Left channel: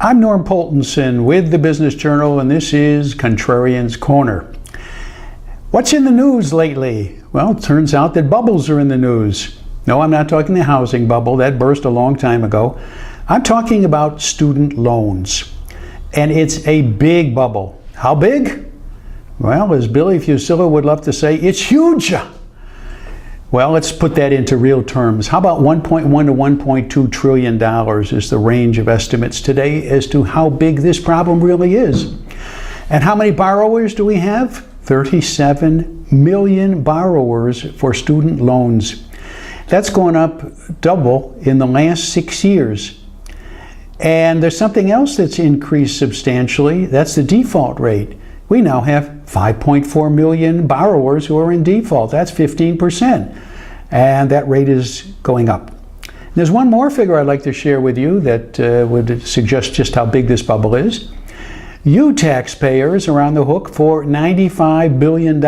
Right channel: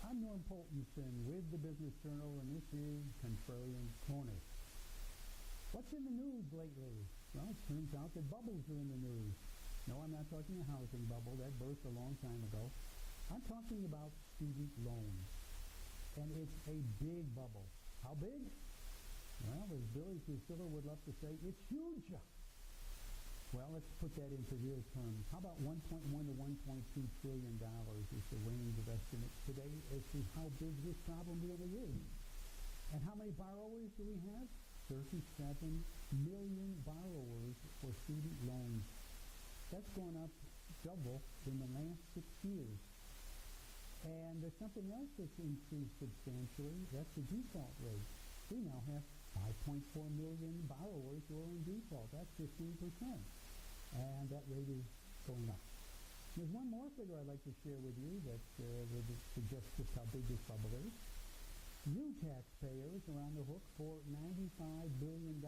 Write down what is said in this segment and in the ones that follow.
I'm Norm Poltenson with the Business Journal, and this is Contrarian's Corner. What's in the news lately? Well, it turns out that bubbles are in the news. No, I'm not talking the housing bubble. That burst a long time ago. I'm talking about student loans. And it's a big bubble. How big? Well, as Billy Fusilla would love to say, it's huge. Well, let's put that into real terms. How about $1.1 to $1.2 trillion is the range of estimates today as to how big this problem really is. And how many borrowers do we have? 37 million borrowers for student loans. That's gone up double in the last 6 years. And there's something else that's increased substantially. That's the default rate. We now have 5.4 million borrowers who are in default. That's 15%. And that rate is going up. There's one more figure I'd like to share with you that would suggest just how big this bubble is. You taxpayers are on the hook for $95 billion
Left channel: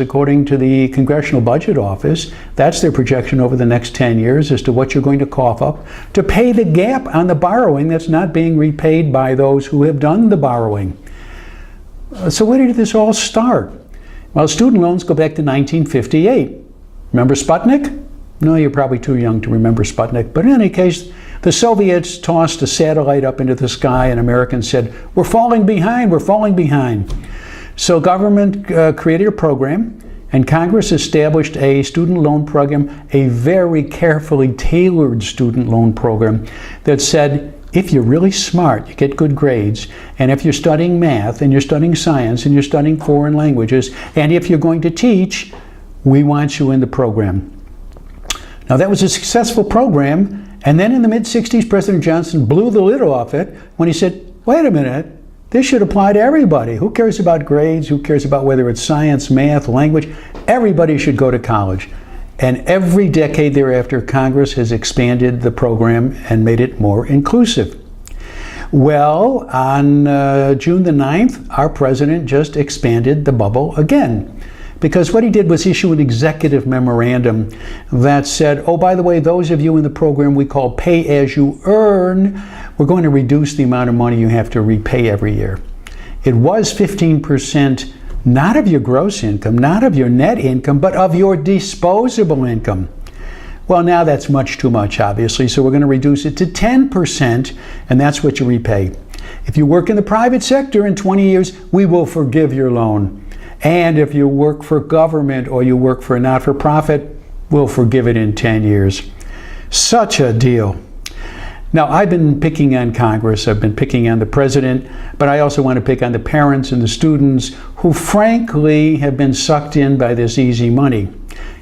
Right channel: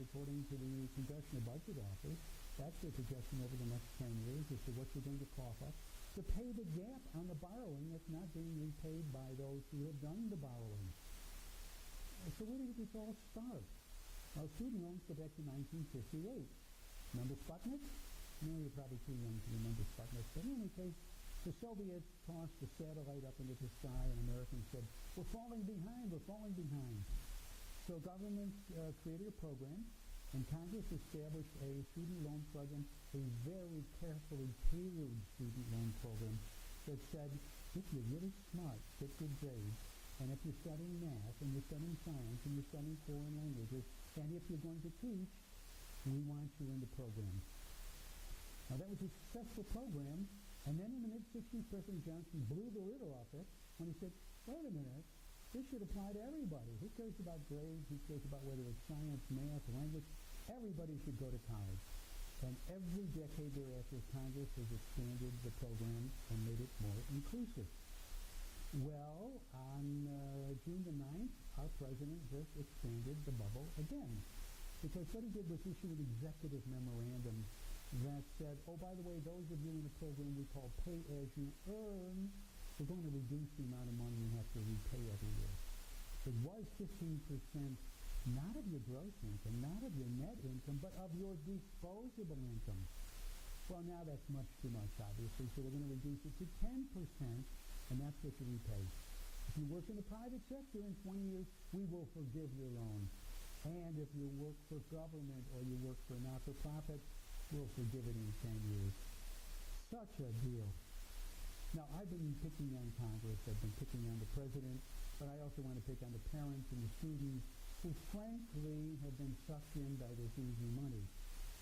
according to the Congressional Budget Office. That's their projection over the next 10 years as to what you're going to cough up to pay the gap on the borrowing that's not being repaid by those who have done the borrowing. So where did this all start? Well, student loans go back to 1958. Remember Sputnik? No, you're probably too young to remember Sputnik. But in any case, the Soviets tossed a satellite up into the sky and Americans said, we're falling behind, we're falling behind. So government created a program and Congress established a student loan program, a very carefully tailored student loan program that said, if you're really smart, you get good grades, and if you're studying math and you're studying science and you're studying foreign languages, and if you're going to teach, we want you in the program. Now that was a successful program, and then in the mid-60s, President Johnson blew the lid off it when he said, wait a minute, this should apply to everybody. Who cares about grades? Who cares about whether it's science, math, language? Everybody should go to college. And every decade thereafter, Congress has expanded the program and made it more inclusive. Well, on June the 9th, our president just expanded the bubble again. Because what he did was issue an executive memorandum that said, oh, by the way, those of you in the program we call pay as you earn, we're going to reduce the amount of money you have to repay every year. It was 15%, not of your gross income, not of your net income, but of your disposable income. Well, now that's much too much, obviously, so we're going to reduce it to 10%, and that's what you repay. If you work in the private sector in 20 years, we will forgive your loan. And if you work for government or you work for a not-for-profit, we'll forgive it in 10 years. Such a deal. Now, I've been picking on Congress, I've been picking on the president, but I also want to pick on the parents and the students who frankly have been sucked in by this easy money.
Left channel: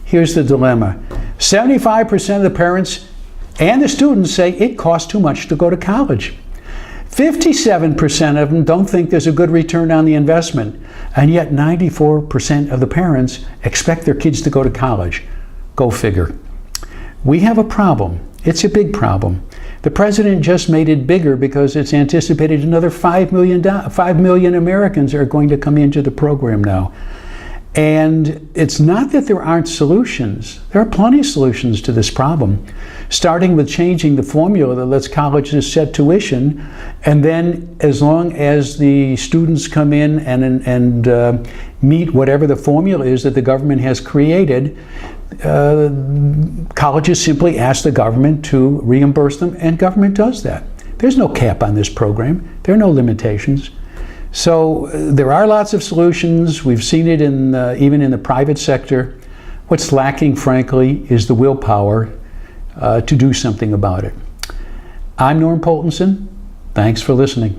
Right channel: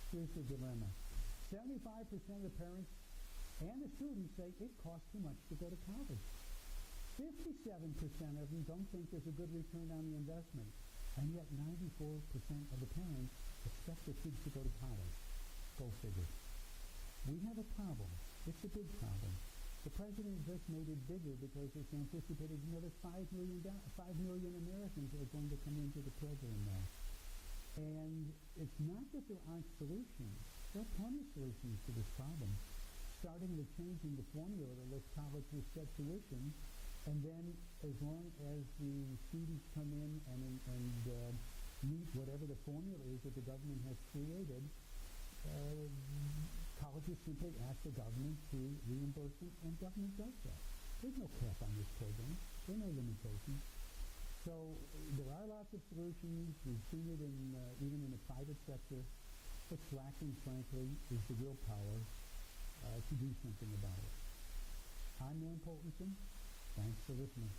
Here's the dilemma. 75% of the parents and the students say it costs too much to go to college. 57% of them don't think there's a good return on the investment, and yet 94% of the parents expect their kids to go to college. Go figure. We have a problem. It's a big problem. The president just made it bigger because it's anticipated another 5 million Americans are going to come into the program now. And it's not that there aren't solutions. There are plenty of solutions to this problem, starting with changing the formula that lets colleges set tuition, and then as long as the students come in and meet whatever the formula is that the government has created, colleges simply ask the government to reimburse them, and government does that. There's no cap on this program. There are no limitations. So there are lots of solutions. We've seen it in even in the private sector. What's lacking, frankly, is the willpower to do something about it. I'm Norm Poltenson. Thanks for listening.